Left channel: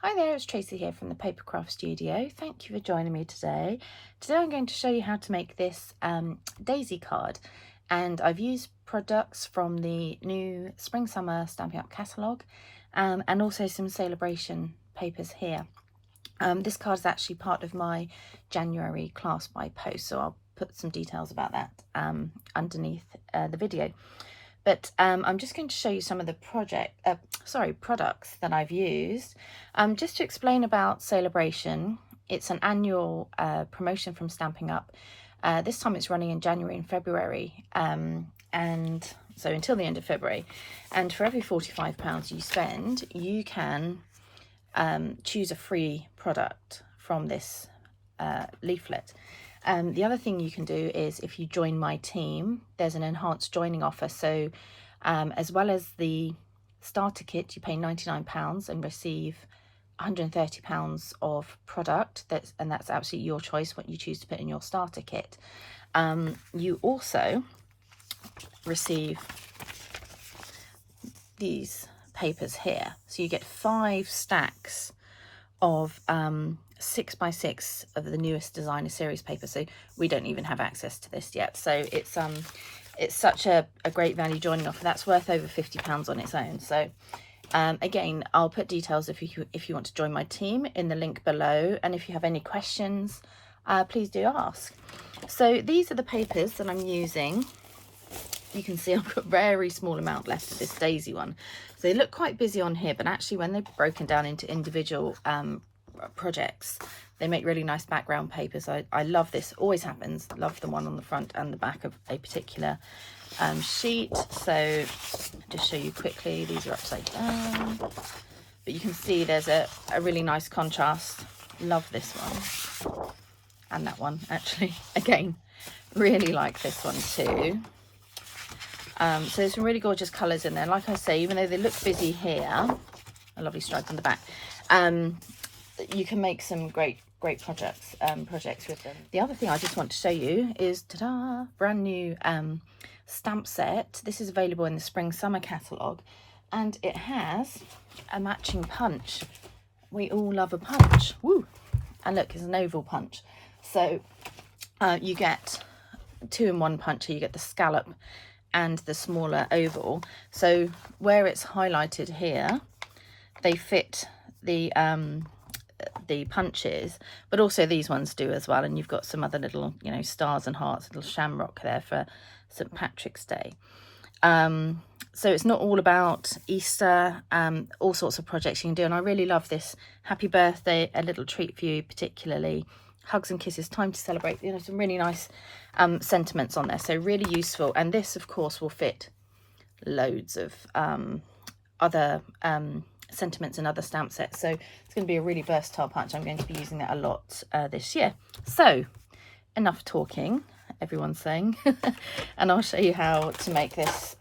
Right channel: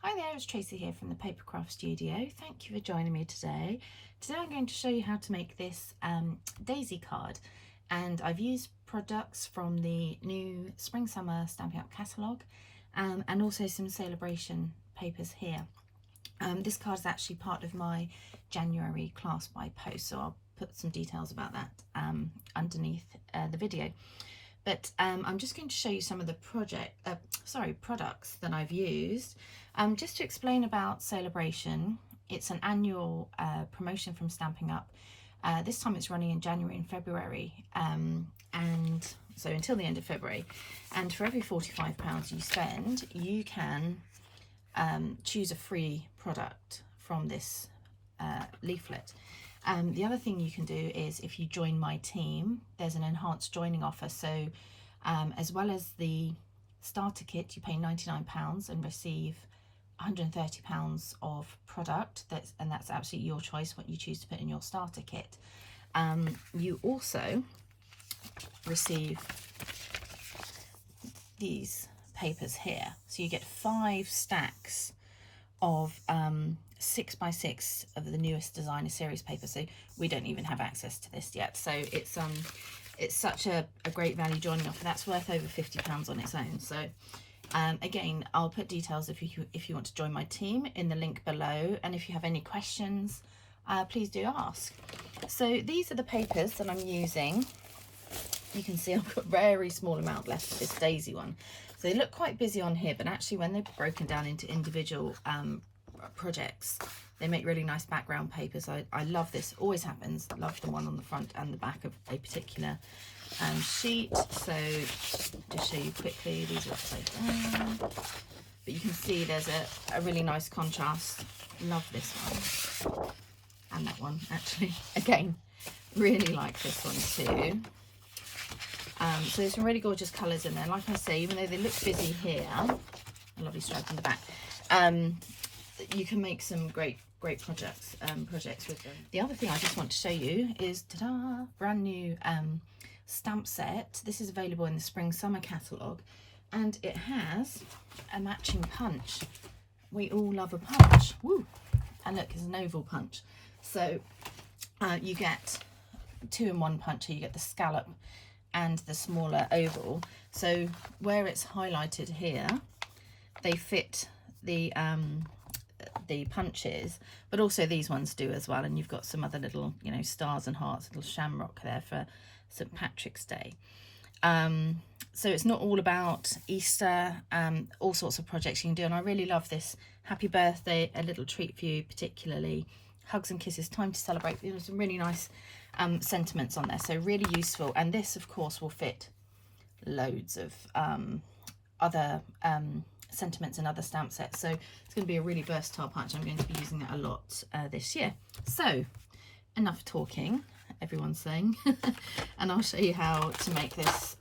Hi there, it's Tracy here from the Papercraft Studio. Thank you for joining me today. Today I'm going to show you how to make this daisy card, and I've used products from the new Spring Summer Stampin' Up catalogue and also some Sale-a-bration papers here. This card is actually part of my January class by post, so I'll put some details about that underneath the video. But I'm just going to show you some of the products that I've used. Just to explain about Sale-a-bration, it's an annual promotion from Stampin' Up. This time it's running in January and February, and so until the end of February. And for every £45 you spend, you can choose a free product from this leaflet. The other thing you can do is, if you join my team, there's an enhanced joining offer. So as well as the starter kit, you pay £99 and receive £130 of product. And that's absolutely your choice what you choose to put in your starter kit. You also receive these papers here, so you get 5 stacks of 6x6 of the newest designer series paper. So we don't even have access to this yet, so it's such a great value joining offer. That's worth over £50 on its own. So again, I'll put details if you want to join my team in the link below, and if you have any questions, please do ask. So these are the papers that I'm using. You can see I've got a very small amount left of this daisy one. So they look quite busy on here, but actually when they're broken down into individual projects, they make really nice background papers. I love this, always happens. Love the one on the front and the back of a particular sheet. So just show you quickly, these are upside down, but you can see there's a really nice contrast. Love this one, and that one actually, again, really like this one too. So there's some really gorgeous colours in there. Like I say, even though they look busy here, a lovely stripe on the back, you can make some great projects with them. The other thing I just want to show you is, ta-da, brand new stamp set. This is available in the Spring Summer catalogue, and it has a matching punch. We all love a punch. Woo! And look, it's an oval punch. So you get 2-in-1 puncher. You get the scallop and the smaller oval. So where it's highlighted here, they fit the punches, but also these ones do as well. And you've got some other little, you know, stars and hearts, little shamrock there for St. Patrick's Day. So it's not all about Easter, all sorts of projects you can do. And I really love this happy birthday, a little treat for you, particularly hugs and kisses, time to celebrate, you know, some really nice sentiments on there. So really useful. And this of course will fit loads of other sentiments and other stamp sets. So it's going to be a really versatile punch. I'm going to be using that a lot this year. So enough talking, everyone's saying, and I'll show you how to make this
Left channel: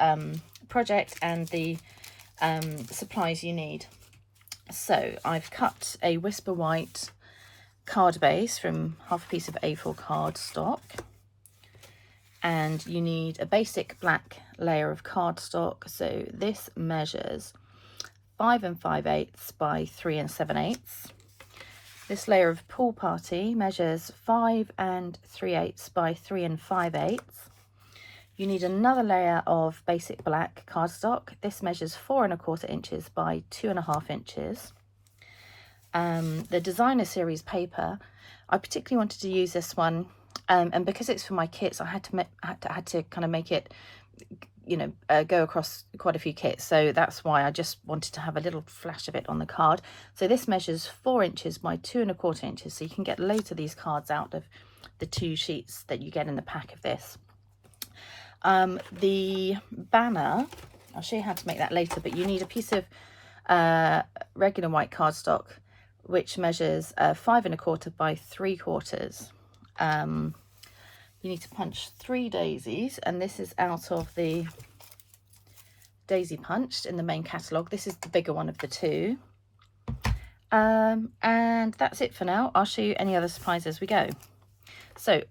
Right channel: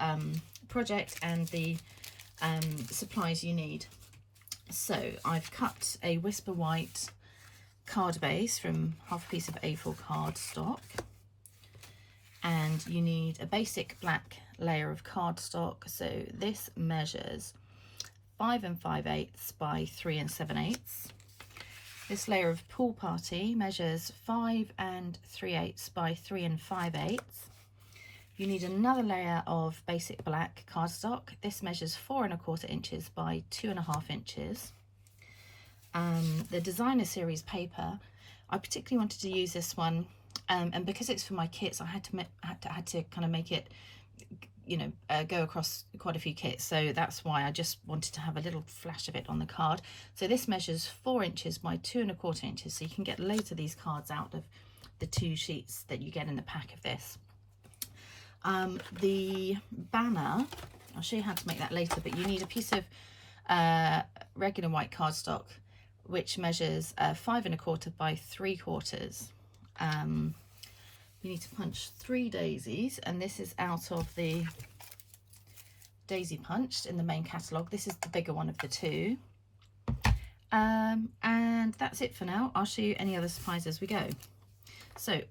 project and the supplies you need. So I've cut a Whisper White card base from half a piece of A4 cardstock, and you need a basic black layer of cardstock. So this measures 5 5/8 by 3 7/8. This layer of Pool Party measures 5 3/8 by 3 5/8. You need another layer of basic black cardstock. This measures 4 1/4 inches by 2 1/2 inches. The designer series paper, I particularly wanted to use this one, and because it's for my kits, I had to kind of make it, you know, go across quite a few kits. So that's why I just wanted to have a little flash of it on the card. So this measures 4 inches by 2 1/4 inches. So you can get loads of these cards out of the 2 sheets that you get in the pack of this. The banner, I'll show you how to make that later, but you need a piece of regular white cardstock, which measures 5 1/4 by 3/4. You need to punch 3 daisies, and this is out of the daisy punched in the main catalogue. This is the bigger one of the 2. And that's it for now. I'll show you any other supplies as we go. So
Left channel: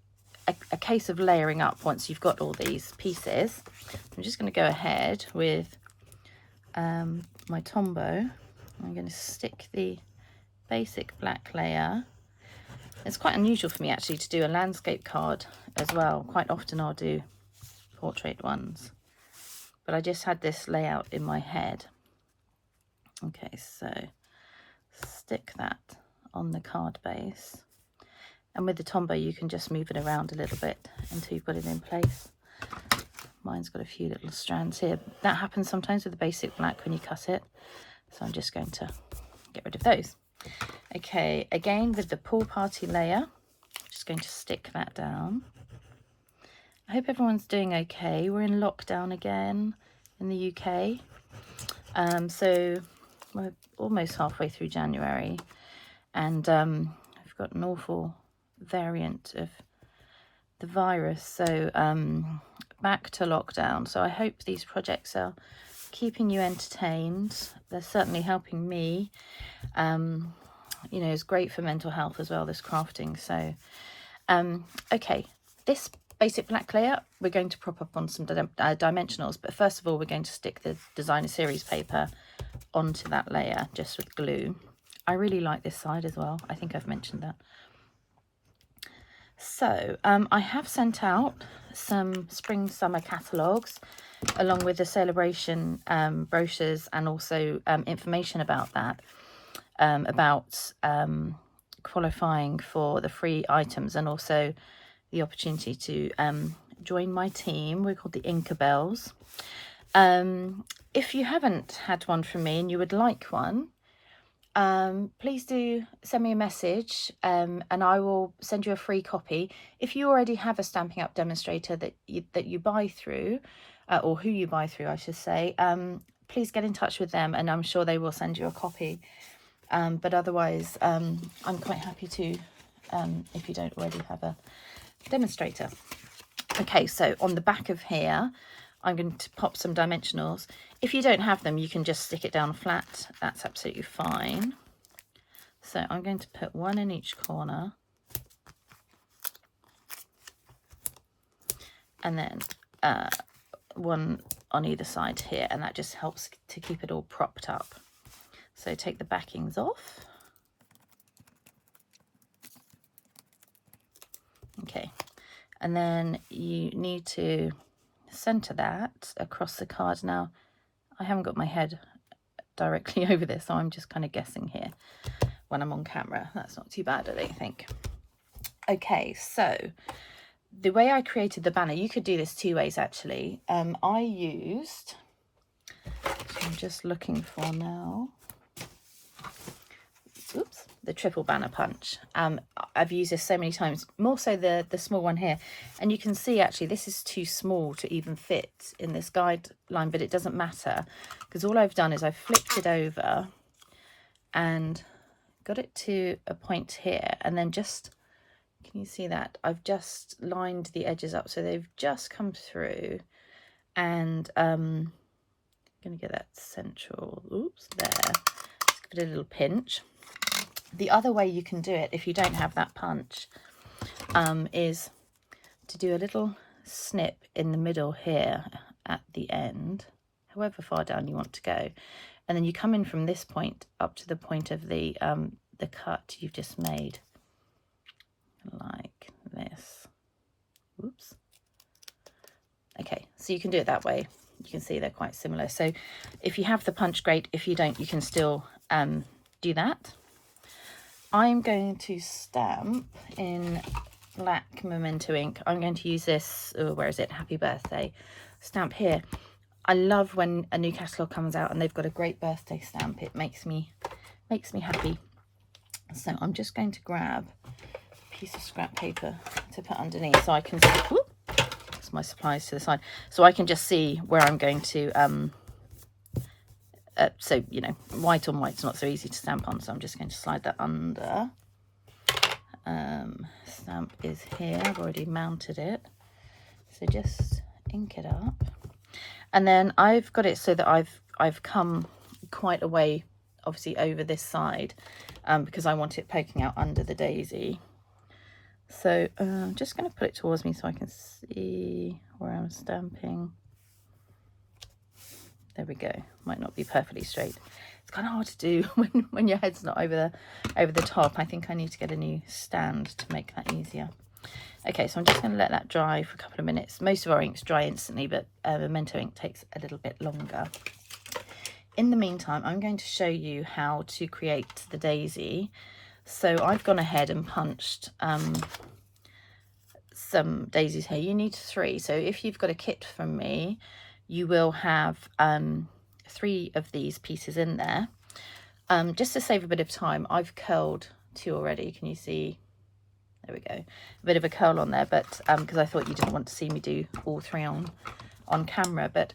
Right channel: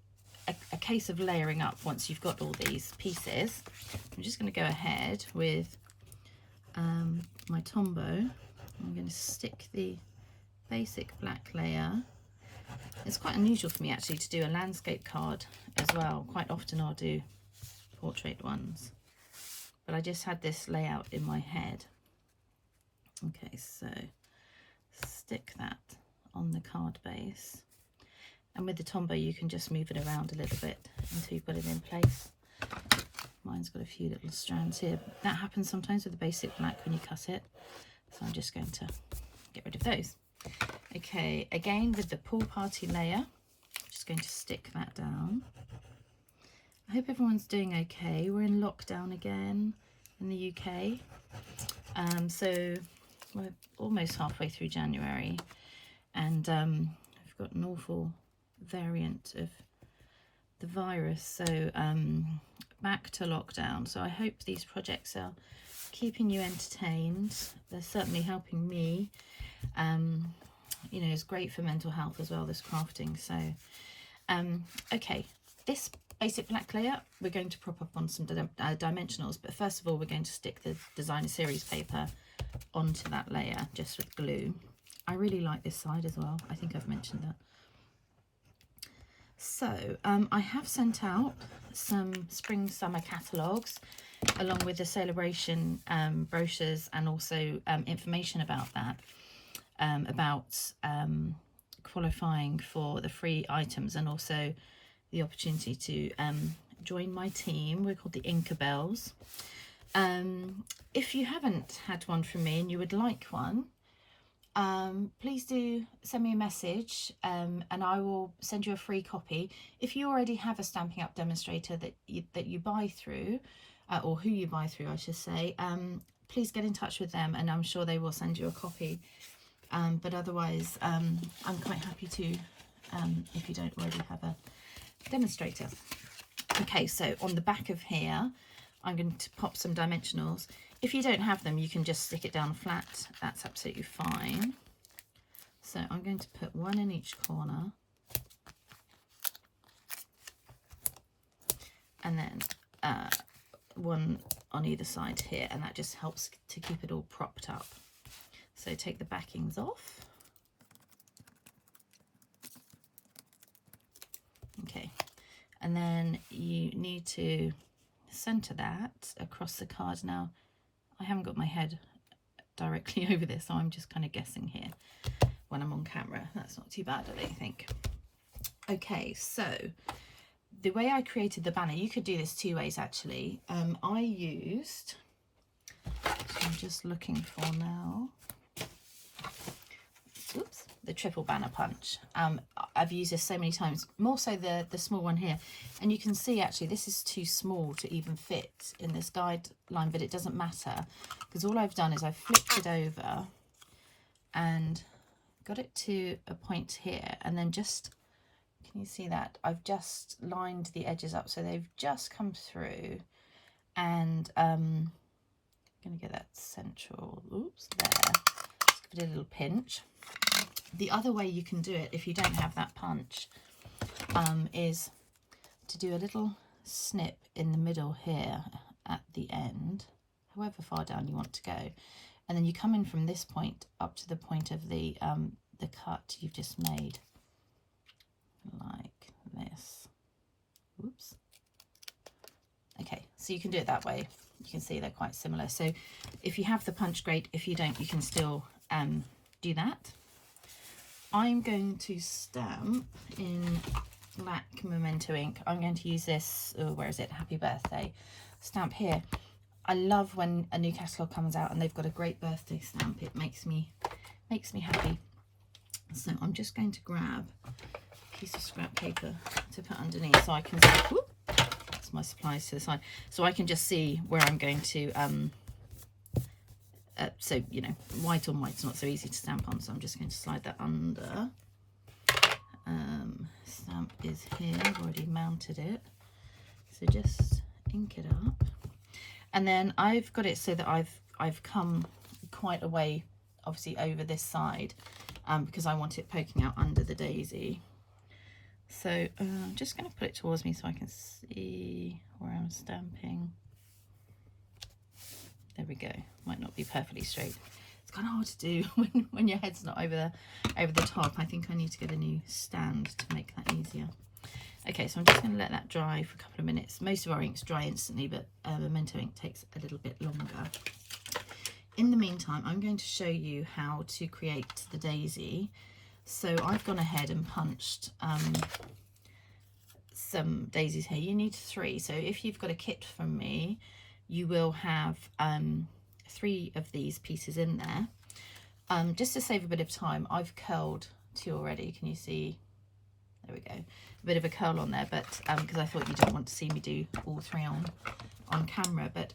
a case of layering up once you've got all these pieces. I'm just going to go ahead with my Tombow. I'm going to stick the basic black layer. It's quite unusual for me actually to do a landscape card as well. Quite often I'll do portrait ones, but I just had this layout in my head. Okay, so stick that on the card base, and with the Tombow you can just move it around a little bit until you've got it in place. Mine's got a few little strands here. That happens sometimes with the basic black when you cut it, so I'm just going to get rid of those. Okay, again with the pool party layer, I'm just going to stick that down. I hope everyone's doing okay. We're in lockdown again in the UK, so we're almost halfway through January, and we've got an awful variant of the virus, so back to lockdown. So I hope these projects are keeping you entertained. They're certainly helping me. You know, it's great for mental health as well, this crafting. So okay, this basic black layer we're going to prop up on some dimensionals, but first of all we're going to stick the designer series paper onto that layer just with glue. I really like this side as well. I think I've mentioned that. So I have sent out some spring summer catalogues along with the Sale-a-bration brochures, and also information about that, about qualifying for the free items, and also the opportunity to join my team. We're called the Inkabells. If you haven't had one from me and you would like one, please do send me a message, and I will send you a free copy. If you already have a Stampin' Up demonstrator that you buy through, or who you buy through I should say, please get in touch with them and I'm sure they will send you a copy. But otherwise I'm quite happy to, if you don't already have a demonstrator. Okay, so on the back of here I'm going to pop some dimensionals. If you don't have them, you can just stick it down flat. That's absolutely fine. So I'm going to put one in each corner. And then one on either side here. And that just helps to keep it all propped up. So take the backings off. Okay. And then you need to center that across the card. Now, I haven't got my head directly over this, so I'm just kind of guessing here when I'm on camera. That's not too bad, I don't think. Okay, so the way I created the banner, you could do this two ways actually. I used, I'm just looking for now, oops, the triple banner punch. I've used this so many times, more so the small one here, and you can see actually this is too small to even fit in this guideline, but it doesn't matter because all I've done is I've flipped it over and got it to a point here, and then just, can you see that I've just lined the edges up so they've just come through, and I'm gonna get that central, oops, there, just give it a little pinch. The other way you can do it, if you don't have that punch, is to do a little snip in the middle here at the end, however far down you want to go, and then you come in from this point up to the point of the cut you've just made, like this. Oops. Okay, so you can do it that way. You can see they're quite similar. So if you have the punch, great. If you don't, you can still do that. I'm going to stamp in black Memento ink. I'm going to use this, oh, where is it? Happy Birthday stamp here. I love when a new catalogue comes out and they've got a great birthday stamp. It makes me happy. So I'm just going to grab a piece of scrap paper to put underneath so I can see, whoop, that's my supplies to the side, so I can just see where I'm going to so, you know, white on white's not so easy to stamp on, so I'm just going to slide that under. Stamp is here, I've already mounted it, so just ink it up. And then I've got it so that I've come quite a way, obviously, over this side, because I want it poking out under the daisy. So I'm just going to put it towards me so I can see where I'm stamping. There we go. Might not be perfectly straight. it's kind of hard to do when your head's not over the top. I think I need to get a new stand to make that easier. Okay, so I'm just going to let that dry for a couple of minutes. Most of our inks dry instantly, but Memento ink takes a little bit longer. In the meantime, I'm going to show you how to create the daisy. So I've gone ahead and punched some daisies here. You need 3. So if you've got a kit from me, you will have 3 of these pieces in there. Just to save a bit of time, I've curled 2 already. Can you see? There we go. A bit of a curl on there, but because I thought you didn't want to see me do all 3 on camera. But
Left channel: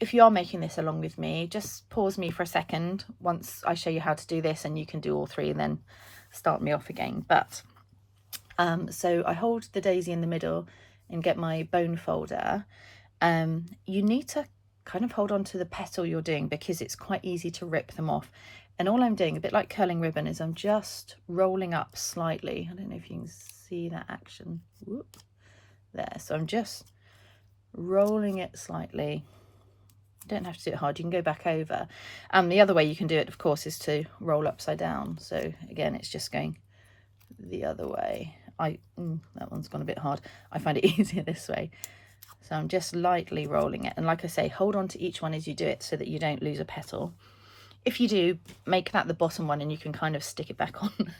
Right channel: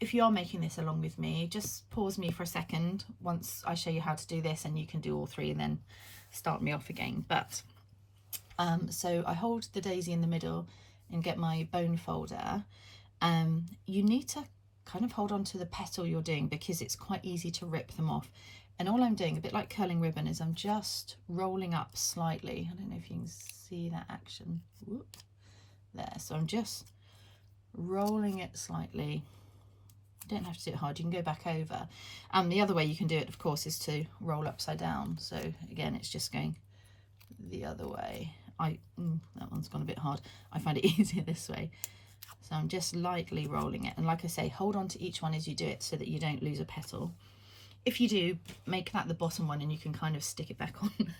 if you are making this along with me, just pause me for a second once I show you how to do this, and you can do all 3 and then start me off again. But so I hold the daisy in the middle and get my bone folder. You need to kind of hold on to the petal you're doing, because it's quite easy to rip them off. And all I'm doing, a bit like curling ribbon, is I'm just rolling up slightly. I don't know if you can see that action. Whoop, there. So I'm just rolling it slightly. You don't have to do it hard. You can go back over. The other way you can do it, of course, is to roll upside down. So again, it's just going the other way. That one's gone a bit hard. I find it easier this way. So I'm just lightly rolling it. And like I say, hold on to each one as you do it so that you don't lose a petal. If you do, make that the bottom one and you can kind of stick it back on.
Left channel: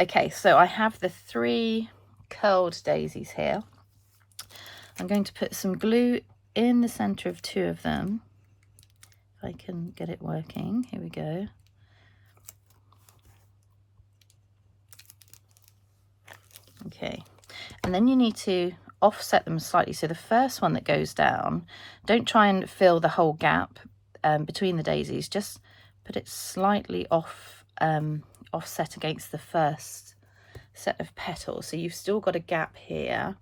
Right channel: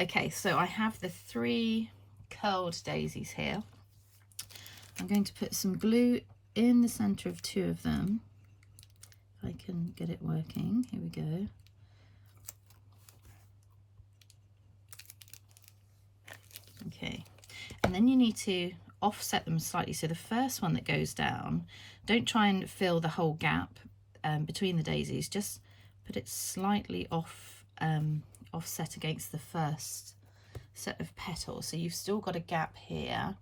Okay, so I have the 3 curled daisies here. I'm going to put some glue in the center of 2 of them. If I can get it working. Here we go. Okay, and then you need to offset them slightly. So the first one that goes down, don't try and fill the whole gap between the daisies. Just put it slightly offset against the first set of petals. So you've still got a gap here.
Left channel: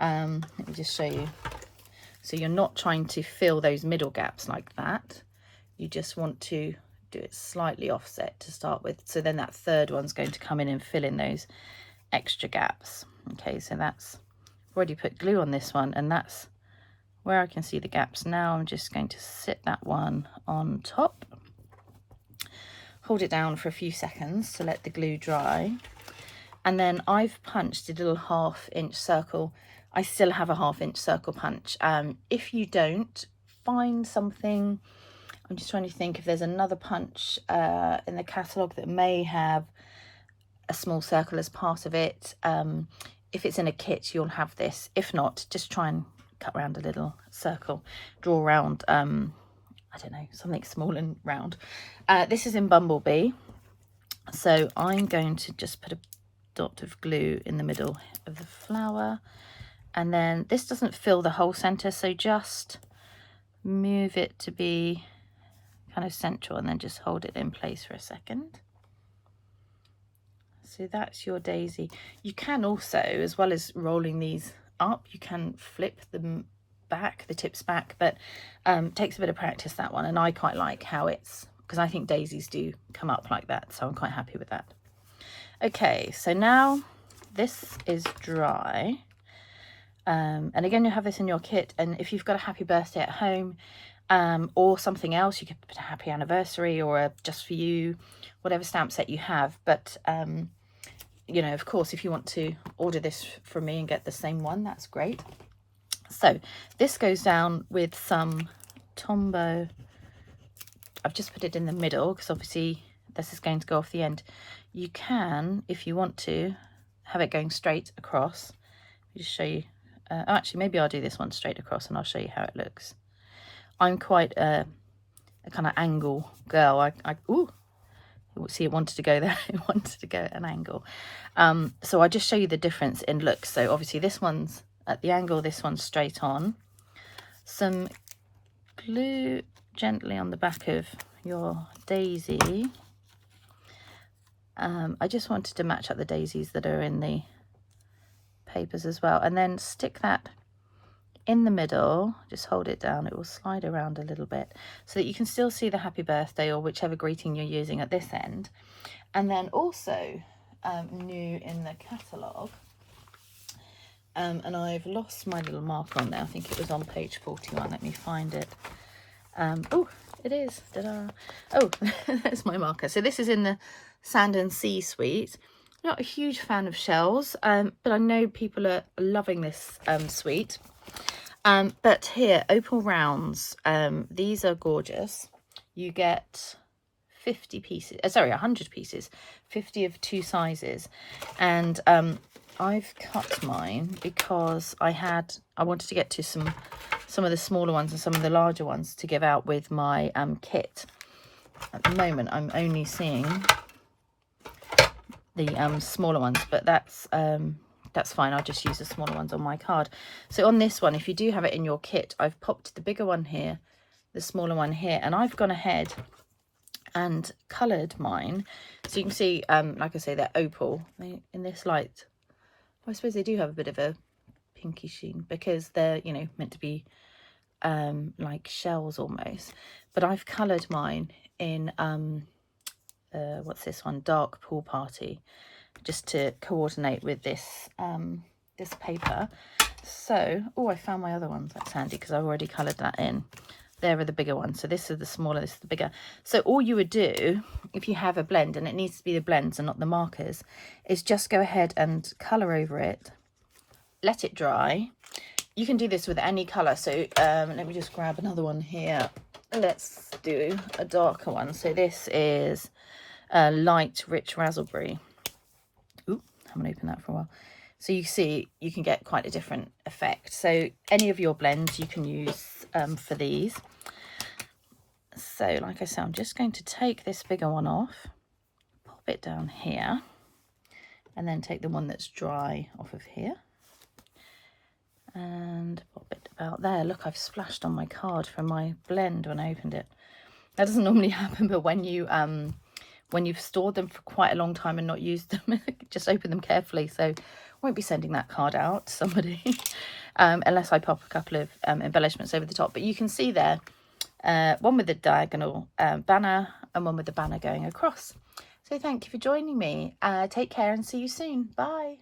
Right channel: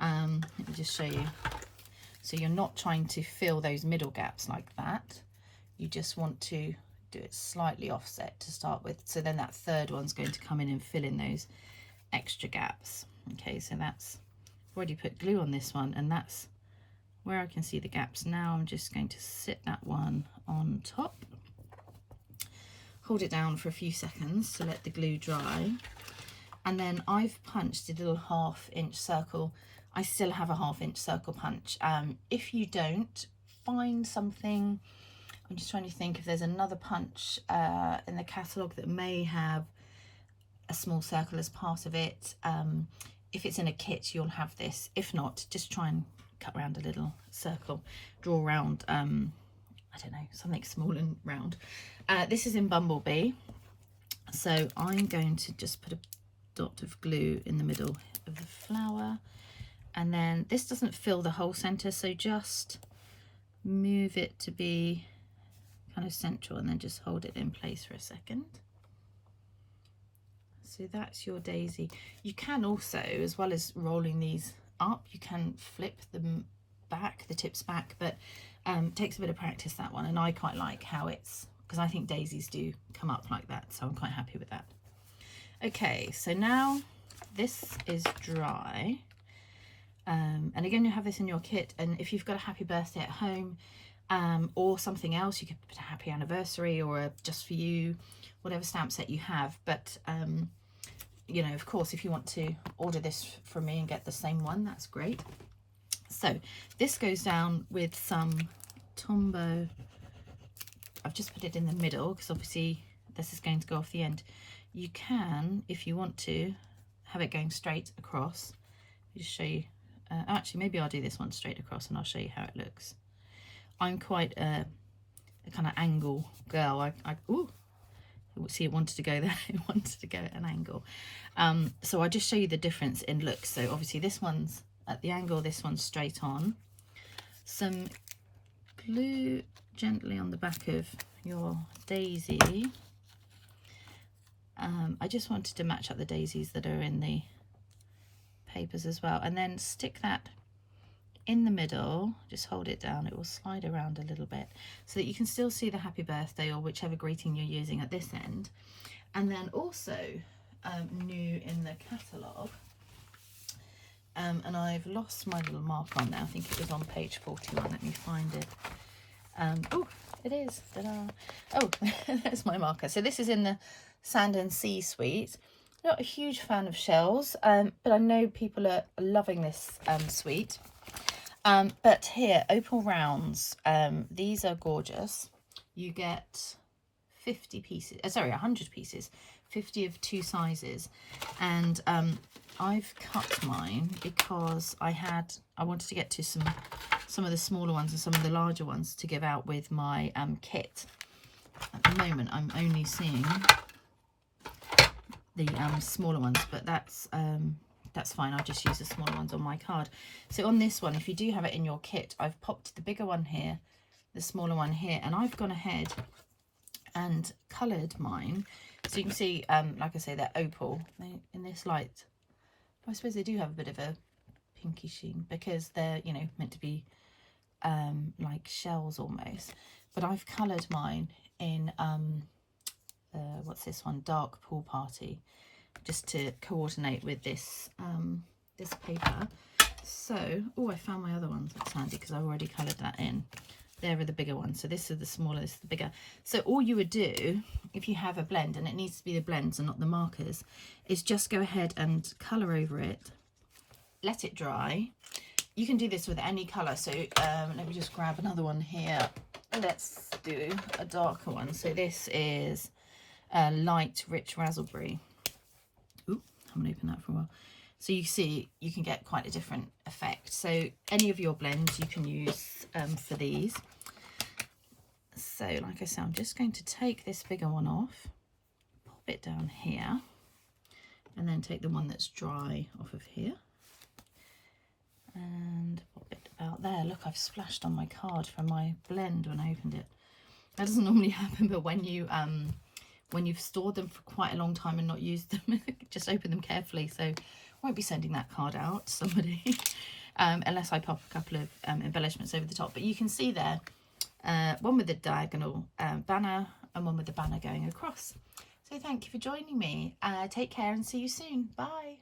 Let me just show you. So you're not trying to fill those middle gaps like that. You just want to do it slightly offset to start with. So then that third one's going to come in and fill in those extra gaps. Okay, so that's, I've already put glue on this one, and that's where I can see the gaps. Now I'm just going to sit that one on top, hold it down for a few seconds to let the glue dry, and then I've punched a little 1/2 inch circle. I still have a 1/2 inch circle punch. If you don't, find something. I'm just trying to think if there's another punch in the catalogue that may have a small circle as part of it. If it's in a kit, you'll have this. If not, just try and cut around a little circle, draw around I don't know, something small and round. This is in Bumblebee, so I'm going to just put a dot of glue in the middle of the flower, and then this doesn't fill the whole center, so just move it to be kind of central and then just hold it in place for a second. So that's your daisy. You can also, as well as rolling these up, you can flip them back, the tips back, but takes a bit of practice, that one, and I quite like how it's, because I think daisies do come up like that, so I'm quite happy with that. Okay, so now this is dry, and again, you'll have this in your kit, and if you've got a happy birthday at home or something else, you could put a happy anniversary or a just for you, whatever stamp set you have. But you know, of course, if you want to order this from me and get the same one, that's great. So this goes down with some Tombow. I've just put it in the middle because obviously this is going to go off the end. You can, if you want to, have it going straight across. I'll just show you. Actually, maybe I'll do this one straight across and I'll show you how it looks. I'm quite a kind of angle girl. Ooh, see, it wanted to go there. It wanted to go at an angle. So I'll just show you the difference in looks. So obviously this one's at the angle, this one's straight on. Some glue gently on the back of your daisy. I just wanted to match up the daisies that are in the papers as well, and then stick that in the middle. Just hold it down, it will slide around a little bit so that you can still see the happy birthday or whichever greeting you're using at this end. And then also new in the catalogue, and I've lost my little marker on there, I think it was on page 41, let me find it. Oh, it is. Ta-da. Oh, there's my marker. So this is in the Sand and Sea suite. Not a huge fan of shells, but I know people are loving this suite. But here, opal rounds, these are gorgeous. You get 50 pieces, sorry, 100 pieces, 50 of 2 sizes. And I've cut mine because I wanted to get to some of the smaller ones and some of the larger ones to give out with my kit. At the moment, I'm only seeing the smaller ones, but that's fine. I'll just use the smaller ones on my card. So on this one, if you do have it in your kit, I've popped the bigger one here, the smaller one here, and I've gone ahead and coloured mine. So you can see, like I say, they're opal. In this light, I suppose they do have a bit of a pinky sheen because they're, you know, meant to be like shells almost. But I've coloured mine in what's this one, Dark Pool Party, just to coordinate with this this paper. So, oh, I found my other ones. That's handy because I've already coloured that in. There are the bigger ones. So this is the smaller, this is the bigger. So all you would do if you have a blend, and it needs to be the blends and not the markers, is just go ahead and colour over it, let it dry. You can do this with any colour. So let me just grab another one here. Let's do a darker one. So this is a light rich raspberry. Ooh, I haven't opened that for a while. So you see, you can get quite a different effect. So any of your blends you can use for these. So like I said, I'm just going to take this bigger one off, pop it down here, and then take the one that's dry off of here and pop it about there. Look, I've splashed on my card from my blend when I opened it. That doesn't normally happen, but when you've stored them for quite a long time and not used them, just open them carefully. So I won't be sending that card out to somebody unless I pop a couple of embellishments over the top. But you can see there, one with the diagonal banner and one with the banner going across. So thank you for joining me. Take care and see you soon. Bye.